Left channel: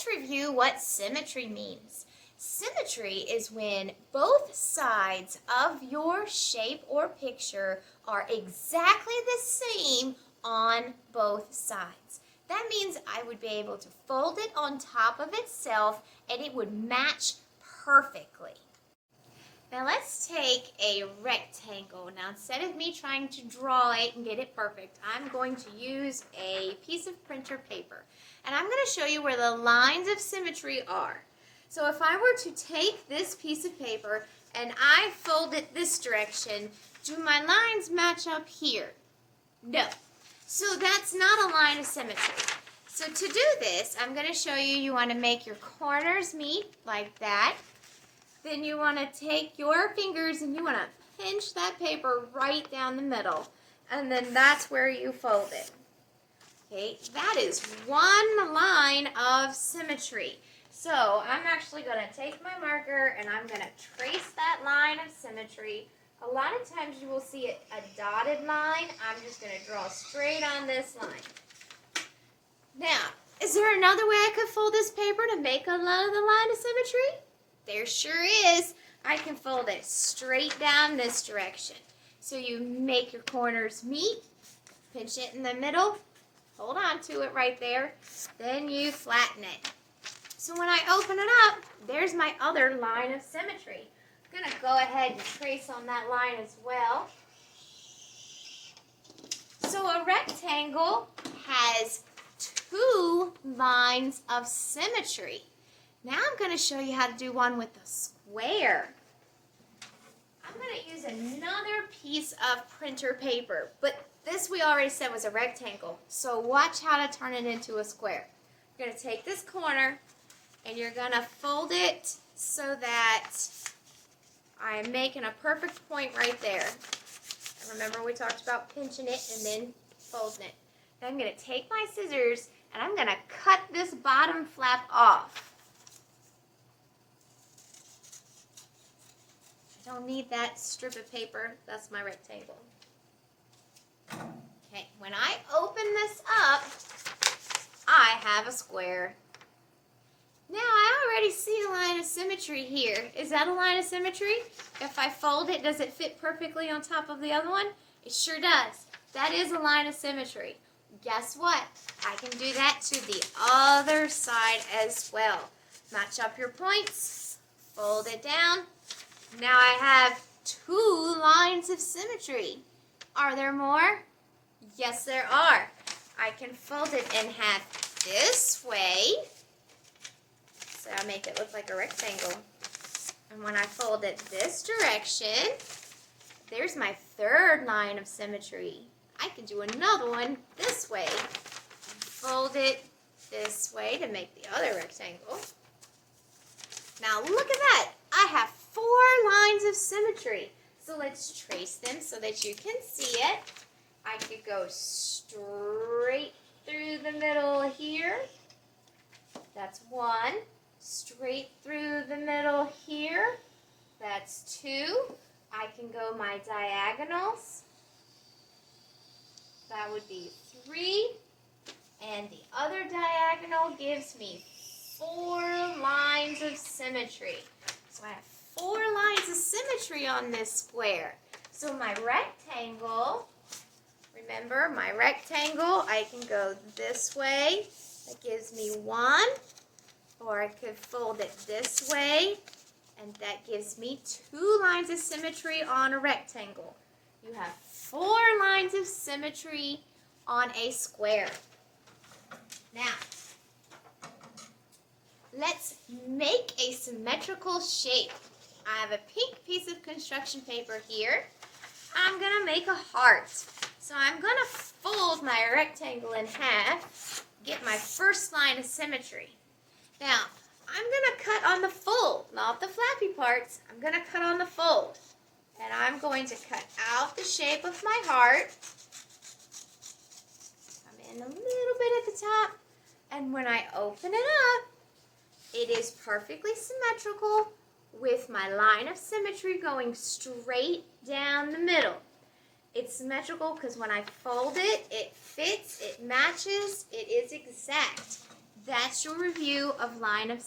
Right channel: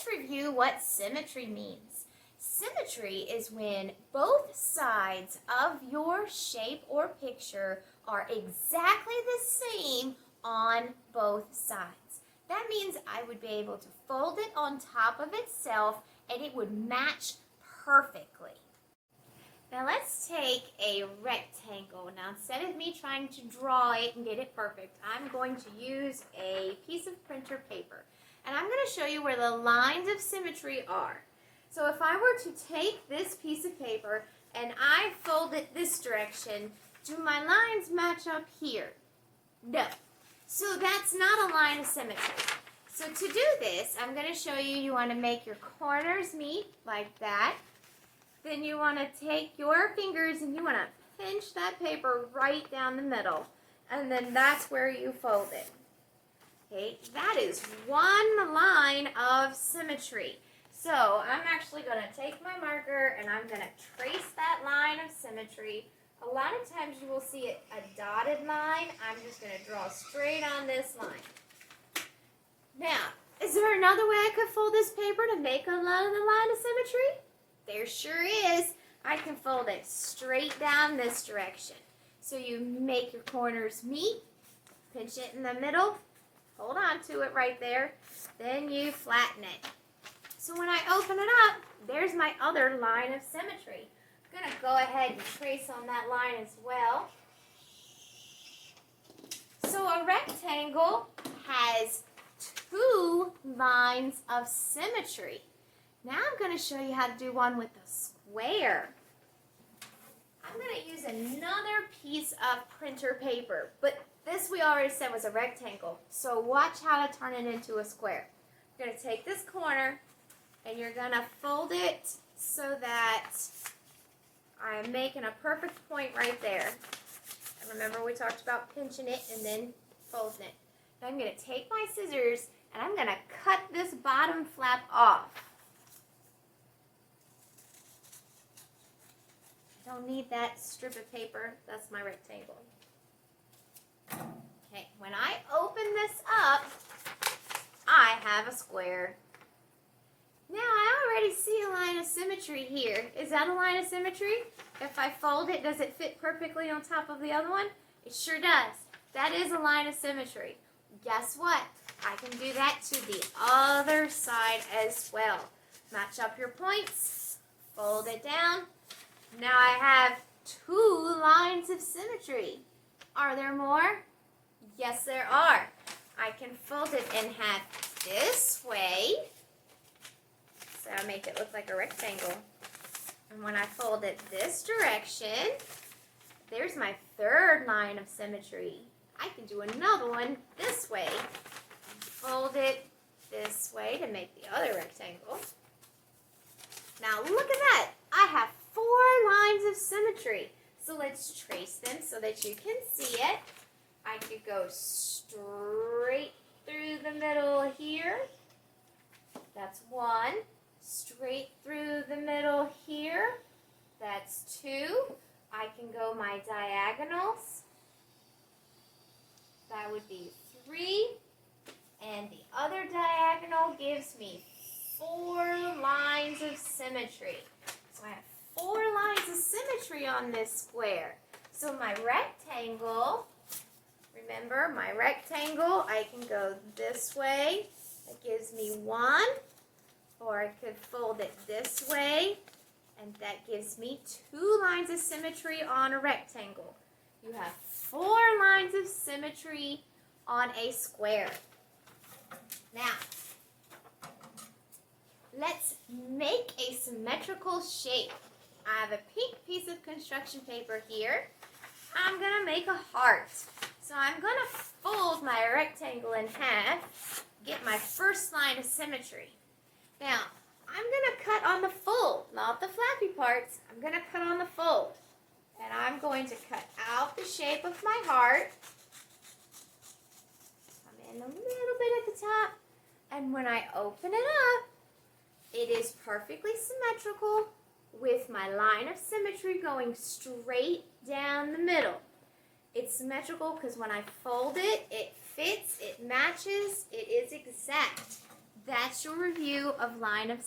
let's review what symmetry means. Symmetry is when both sides of your shape or picture are exactly the same on both sides. That means I would be able to fold it on top of itself and it would match perfectly. Now let's take a rectangle. Now instead of me trying to draw it and get it perfect, I'm going to use a piece of printer paper. And I'm going to show you where the lines of symmetry are. So if I were to take this piece of paper and I fold it this direction, do my lines match up here? No. So that's not a line of symmetry. So to do this, I'm going to show you, you want to make your corners meet like that. Then you want to take your fingers and you want to pinch that paper right down the middle. And then that's where you fold it. Okay, that is one line of symmetry. So I'm actually going to take my marker and I'm going to trace that line of symmetry. A lot of times you will see a dotted line. I'm just going to draw straight on this line. Now, is there another way I could fold this paper to make another line of symmetry? There sure is. I can fold it straight down this direction. So you make your corners meet, pinch it in the middle, hold on to it right there, then you flatten it. So when I open it up, there's my other line of symmetry. I'm going to go ahead and trace on that line as well. So a rectangle has two lines of symmetry. Now I'm going to show you how to do one with a square. I'm going to use another piece of printer paper, but this we already said was a rectangle. So watch how to turn it into a square. You're going to take this corner and you're going to fold it so that I'm making a perfect point right there. And remember we talked about pinching it and then folding it. Now I'm going to take my scissors and I'm going to cut this bottom flap off. I don't need that strip of paper. That's my rectangle. Okay, when I open this up, I have a square. Now I already see a line of symmetry here. Is that a line of symmetry? If I fold it, does it fit perfectly on top of the other one? It sure does. That is a line of symmetry. Guess what? I can do that to the other side as well. Match up your points, fold it down. Now I have two lines of symmetry. Are there more? Yes, there are. I can fold it in half this way. So I'll make it look like a rectangle. And when I fold it this direction, there's my third line of symmetry. I can do another one this way. Fold it this way to make the other rectangle. Now look at that. I have 4 lines of symmetry. So let's trace them so that you can see it. I could go straight through the middle here. That's 1. Straight through the middle here. That's 2. I can go my diagonals. That would be 3. And the other diagonal gives me 4 lines of symmetry. So I have 4 lines of symmetry on this square. So my rectangle, remember my rectangle, I can go this way. That gives me 1. Or I could fold it this way. And that gives me 2 lines of symmetry on a rectangle. You have 4 lines of symmetry on a square. Now, let's make a symmetrical shape. I have a pink piece of construction paper here. I'm going to make a heart. So I'm going to fold my rectangle in half, get my first line of symmetry. Now, I'm going to cut on the fold, not the flappy parts. I'm going to cut on the fold. And I'm going to cut out the shape of my heart. Come in a little bit at the top. And when I open it up, it is perfectly symmetrical with my line of symmetry going straight down the middle. It's symmetrical because when I fold it, it fits, it matches, it is exact. That's textual review of line of